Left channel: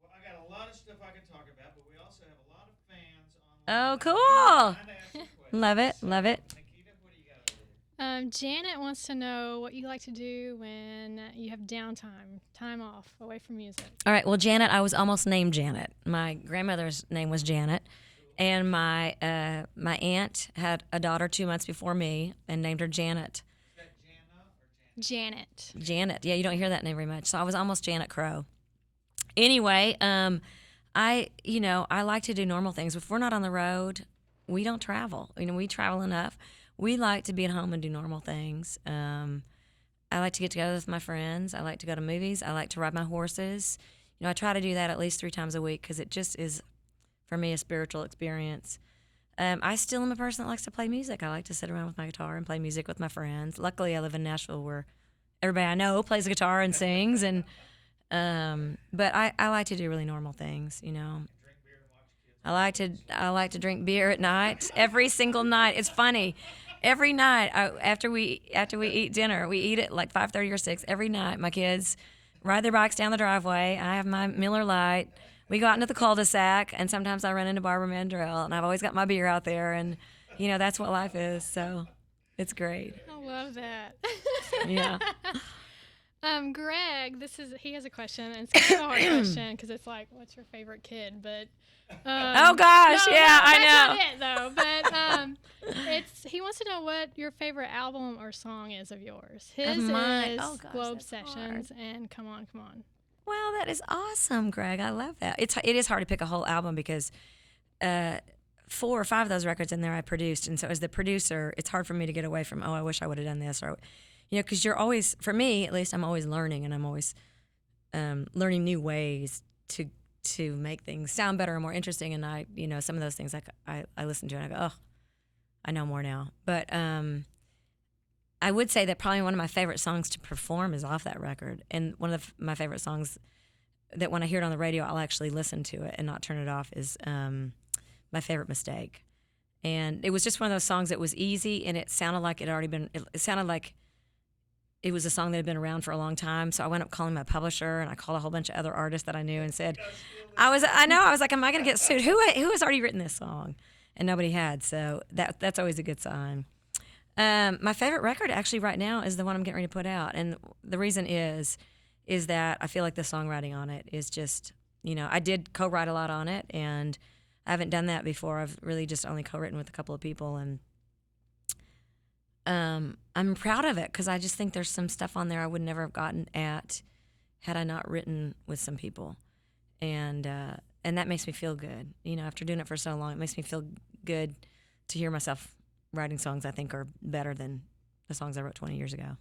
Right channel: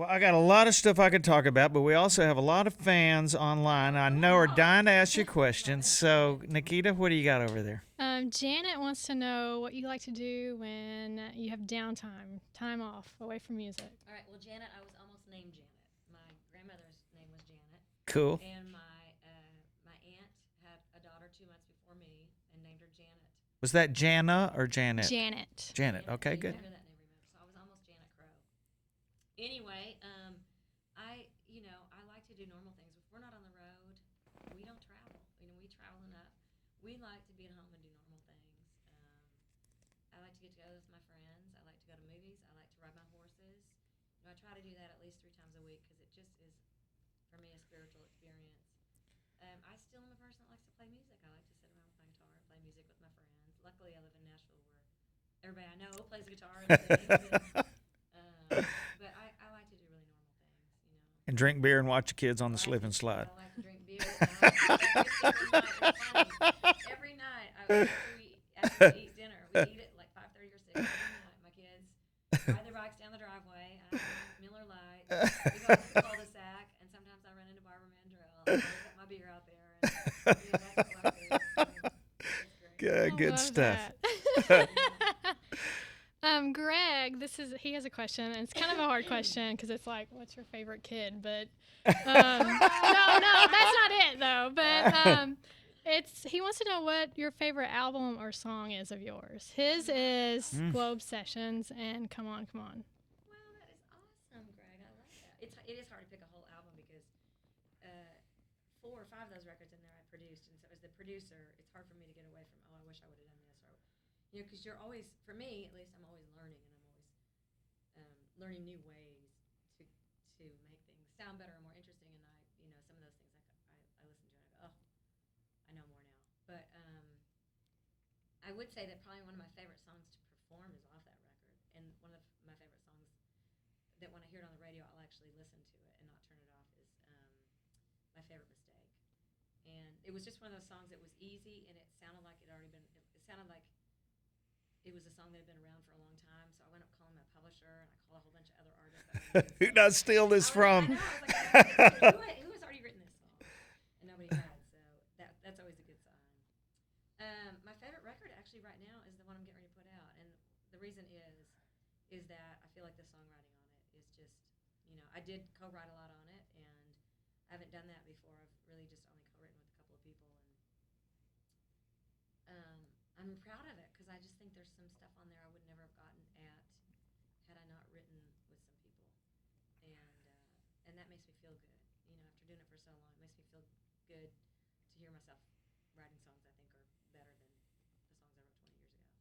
Well, I got a lot of stuff I could talk about, but we also have a lot of fans online. Oh, I cool. know are dying to ask you questions. Love it, So, love it. Nikita, what do you got over there? Janet wants to know what you like to do when you have downtime, time off, away from music. All right. Well, Janet, I was almost named Janet. My grandmother's name was Janet. Cool. And my aunt had a daughter 2 months before me and named her Janet. Was that Jana or Janet? Janet. Janet. Okay, Yeah, you don't good. hear that name very much. So I was almost Janet Crow. Anyway, I like to do normal things. If we're not on the road, we don't travel. We travel enough. We like to be at home and do normal things. I like to get together with my friends. I like to go to movies. I like to ride my horses. I try to do that at least 3 times a week because it just is, for me, a spiritual experience. I still am a person that likes to play music. I like to sit around with my guitar and play music with my friends. Luckily, I live in Nashville where everybody I know plays the guitar and sings. But I like to do really normal things, And drink beer and watch the kids on I the like slip and to slide. I like to drink beer at night every single night. It's funny. Every night after we eat dinner, we eat at like 5:30 or 6 every night. My kids ride their bikes down the driveway. I have my Miller Lite. We go out into the cul-de-sac, and sometimes I run into Barbara Mandrell, and I've always got my beer out there, and that's what life is. So it's great. Yeah, I good love stuff. that. Yeah. Greg, he has a question, and it's kind of a hard question because it's like, what's your favorite kid? But Oh gosh, no, yeah, I that's know. not it though. But he wants to know what your favorite album or song is of yours. His mine. is Oh, gosh, Globe that's Sessions and Come On, Come On. Wow, that is awesome, Greg. I love that. It is hard to pick a whole album because 4 or 5 of those records in there I produced, and so as the producer, it's hard for me to get away from I wish I would have done this, or because you're always, for me at least, I'm always learning, and I'm always learning new ways to make things sound better and more interesting. And I some of those things I listen to and I go, oh, I know more now. But I would say that probably one of my favorite songs to perform is off that record. And one of my favorite songs that when I hear it on the radio, I'll actually listen to it and not turn it off is My Favorite Mistake. And it was just one of those songs that was easy, and it sounded like it sounded like it was a song that had been around for a long time. So I went up calling my publisher, and I called a whole bunch of other artists that I knew and said, Did not steal this I from. know. I was like, am I going to get sued? Who has already written this song? And nobody had. So that's always a good sign. My favorite record actually right now is the one I'm getting ready to put out. And the reason is that I feel like the songwriting on it is just, I did co-write a lot on it, and I haven't done that before. I've really just only co-written with a couple of people, and I'm proud of it because I just think there's some stuff on there I would never have gotten at had I not written with some people. And that makes me feel good. After doing it for so long, it makes me feel good to hear myself writing songs I think are better than the songs I wrote 20 years ago.